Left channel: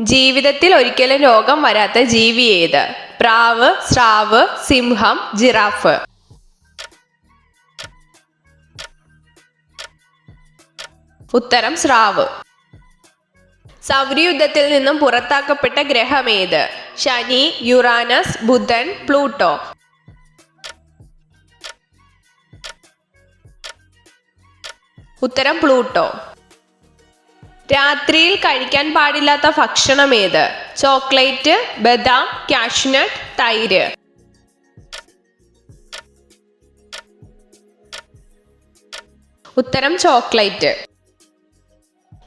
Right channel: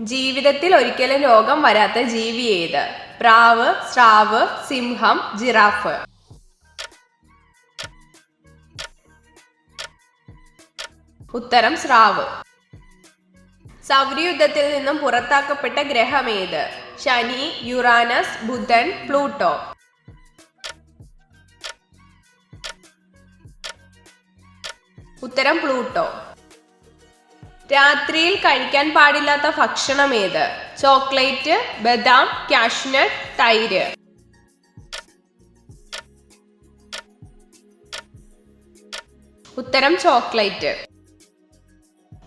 ജീവിതത്തിൽ ഒരിക്കലും രോഗം വരാത്ത ജീവി ഏത്? പ്രാവ്, സ്രാവ്, സിംഹം, ജിറാഫ്. ഉത്തരം സ്രാവ്. സൗരയൂഥത്തിൽ നിന്നും പുറത്താക്കപ്പെട്ട ഗ്രഹം ഏത്? ശനി, യുറാനസ്, ബുധൻ, പ്ലൂട്ടോ. ഉത്തരം പ്ലൂട്ടോ. രാത്രിയിൽ കഴിക്കാൻ പാടില്ലാത്ത ഭക്ഷണം ഏത്? ചോക്ലേറ്റ്, ബദാം, കാഷ്നട്ട്, തൈര്. ഉത്തരം ചോക്ലേറ്റ്.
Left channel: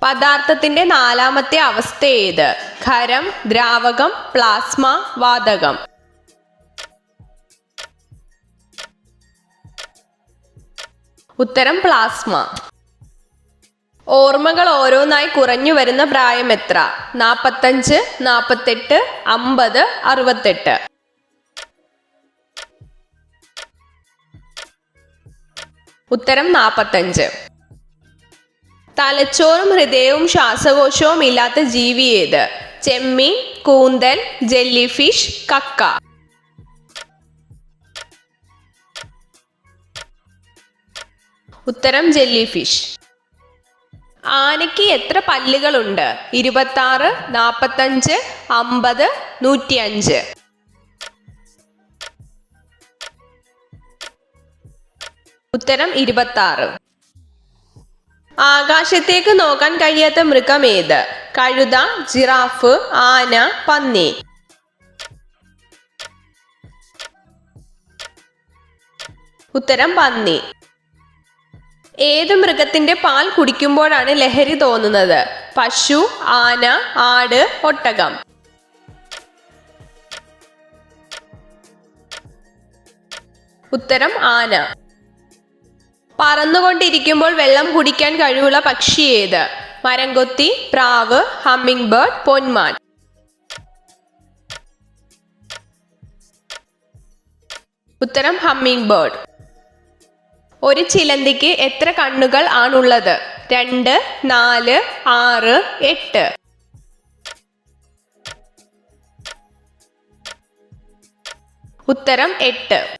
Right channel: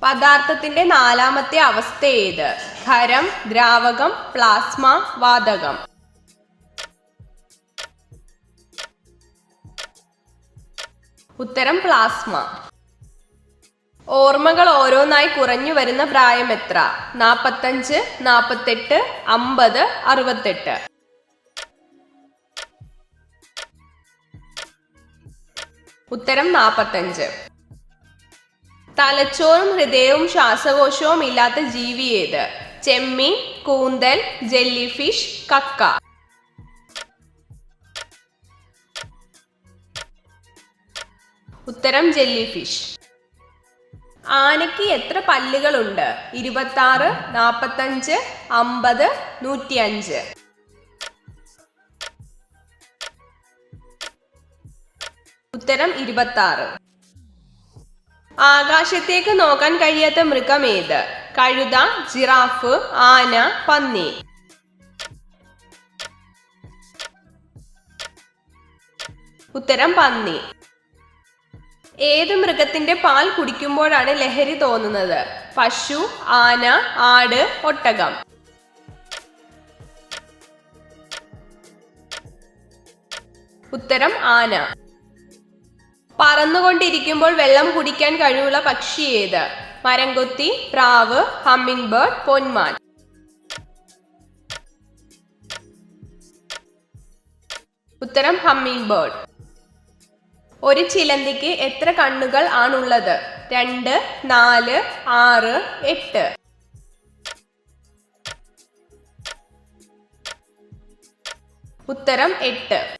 പദാർത്ഥത്തിന്റെ നാലാമത്തെ അവസ്ഥ ഏത്? ഖരം, ദ്രാവകം, പ്ലാസ്മ, വാതകം. ഉത്തരം പ്ലാസ്മ. ഓർമ്മകൾ ഓരോന്നായി കുറഞ്ഞു വരുന്ന പ്രായം എത്ര? 45, 48, 50, 68. ഉത്തരം 45. തലച്ചോറും ഹൃദയവും ശ്വാസകോശവും ഇല്ലാത്ത ജീവി ഏത്? ചെമ്മീൻ, കൂന്തൽ, ജെല്ലിഫിഷ്, കക്ക. ഉത്തരം ജെല്ലിഫിഷ്. ആനയ്ക്ക് എത്ര പല്ലുകളുണ്ട്? 26, 45, 50, 105. ഉത്തരം 26. ആകാശത്തേക്ക് നോക്കാൻ കഴിയാത്ത മൃഗം ഏത്? കഴുത, ജിറാഫ്, ആന, പന്നി. ഉത്തരം പന്നി. ഏത് മൃഗത്തിന്റെ പാൽ കുടിക്കുമ്പോഴാണ് ലഹരി തോന്നുന്നത്? പശു, ആന, ആട്, ഒട്ടകം. ഉത്തരം ആന. പറന്നുകൊണ്ടിരിക്കുമ്പോൾ വെള്ളം കുടിക്കാൻ കഴിവുള്ള പക്ഷി ഏത്? മരംകൊത്തി, പ്രാവ്, ഹമ്മിങ് ബേർഡ്, പൊന്മാൻ. ഉത്തരം ഹമ്മിങ് ബേർഡ്. ഒരു ചിലന്തിക്ക് എത്ര കണ്ണുകൾ ആണുള്ളത്? 2, 4, 6, 8. ഉത്തരം 8.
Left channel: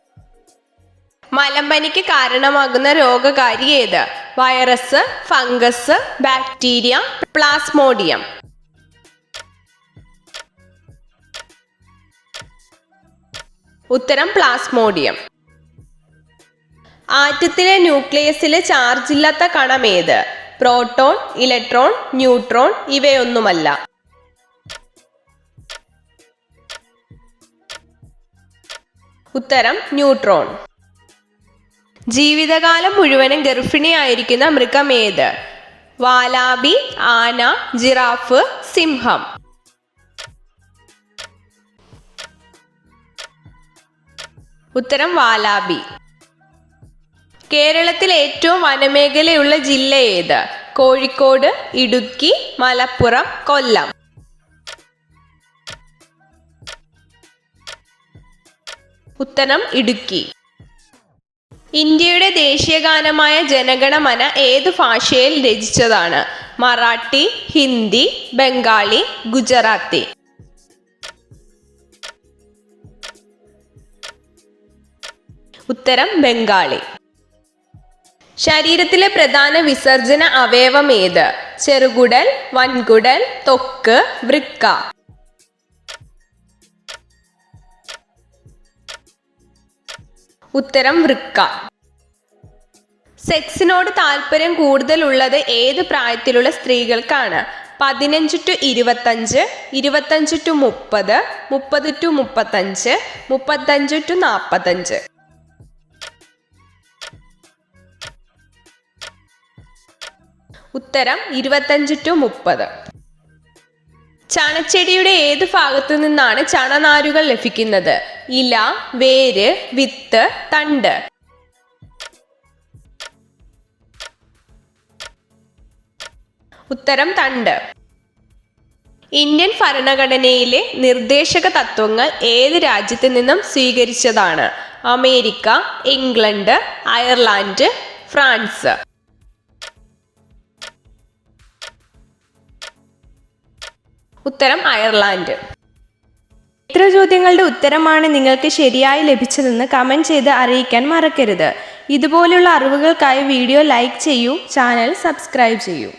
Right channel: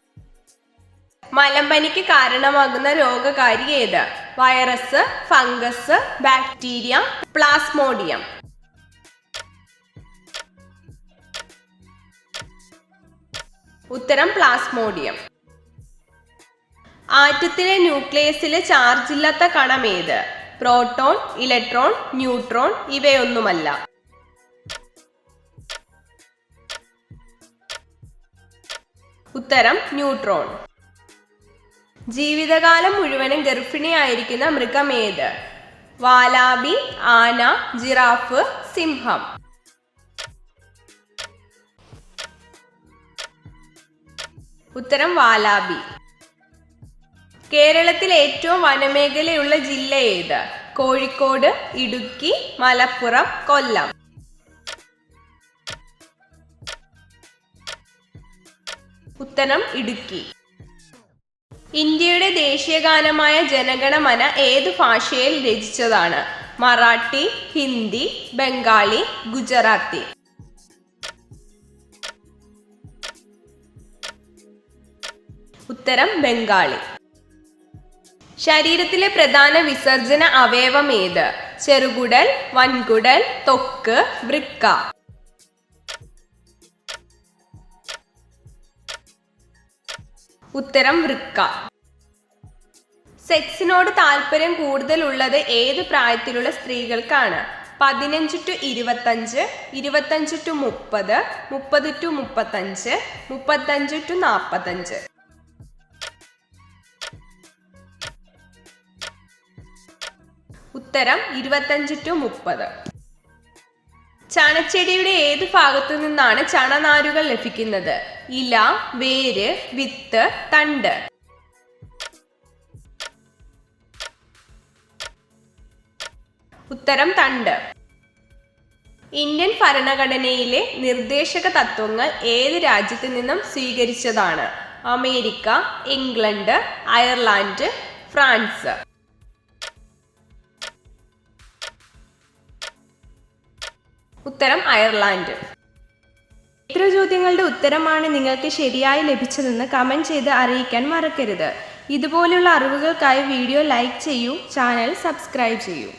മലമ്പനിക്ക് കാരണമാകുന്ന രോഗകാരി ഏത്? Virus, fungus, bacteria, plasmodium. ഉത്തരം പ്ലാസ്മോഡിയം. ആറ്റത്തിലെ ന്യൂക്ലിയസിലെ ചാർജ് ഇല്ലാത്ത കണം ഏത്? പ്രോട്ടോൺ, ഇലക്ട്രോൺ, ന്യൂട്രോൺ, ഇവയൊന്നുമല്ല. ഉത്തരം ന്യൂട്രോൺ. ജീവിതകാലം മുഴുവനും ഗർഭിണിയായിരിക്കുന്ന മൃഗം ഏത്? വാലാബി, ആന, ജിറാഫ്, സിംഹം. ഉത്തരം വാലാബി. കേരളത്തിൽ ഏറ്റവും വനമേഖലയുള്ള ജില്ല ഏത്? കോഴിക്കോട്, ഇടുക്കി, മലപ്പുറം, കൊല്ലം. ഉത്തരം ഇടുക്കി. ഇന്ത്യയുടെ ദേശീയഗാനമായ ജനഗണമന ഏതു ഭാഷയിൽ രചിച്ചതാണ്? മറാഠി, ഹിന്ദി, ബംഗാളി, ഗുജറാത്തി. ഉത്തരം ബംഗാളി. ശരീരത്തിലെ പ്രധാന വിസർജന അവയവം ഏത്? ചെറുകുടൽ, വൻകുടൽ, ത്വക്ക്, വൃക്ക. ഉത്തരം വൃക്ക. സെക്സിനോട് താല്പര്യം കൂടുതലുള്ളത് ഏത് പ്രായത്തിലുള്ള സ്ത്രീകൾക്കാണ്? 15 to 25, 25 to 30, 30 to 35, 35 to 45. ഉത്തരം 25 to 30. ചണച്ചെടിയുടെ ഏത് ഭാഗത്തു നിന്നാണ് ചണനാരുകൾ ലഭിക്കുന്നത്? ഇല, വേര്, വിത്ത്, തണ്ട്. ഉത്തരം തണ്ട്. ഇന്ത്യൻ ഭരണഘടനയിലെ നിർദ്ദേശക തത്വങ്ങൾ ഏത് രാജ്യത്തു നിന്നും സ്വീകരിച്ചതാണ്? America, England, Ireland, France. ഉത്തരം അയർലാൻഡ്. എത്ര ചോദ്യങ്ങളുടെ ഉത്തരമാണ് നിങ്ങൾക്ക് ശരിയായി ലഭിച്ചതെന്ന് കമൻറ്റ് ചെയ്ത് അറിയിക്കാൻ മറക്കരുത്. ഇതുപോലുള്ള അറിവുകൾക്കായി വീഡിയോ ലൈക്ക് ചെയ്യൂ, ചാനൽ സബ്സ്ക്രൈബ് ചെയ്യൂ.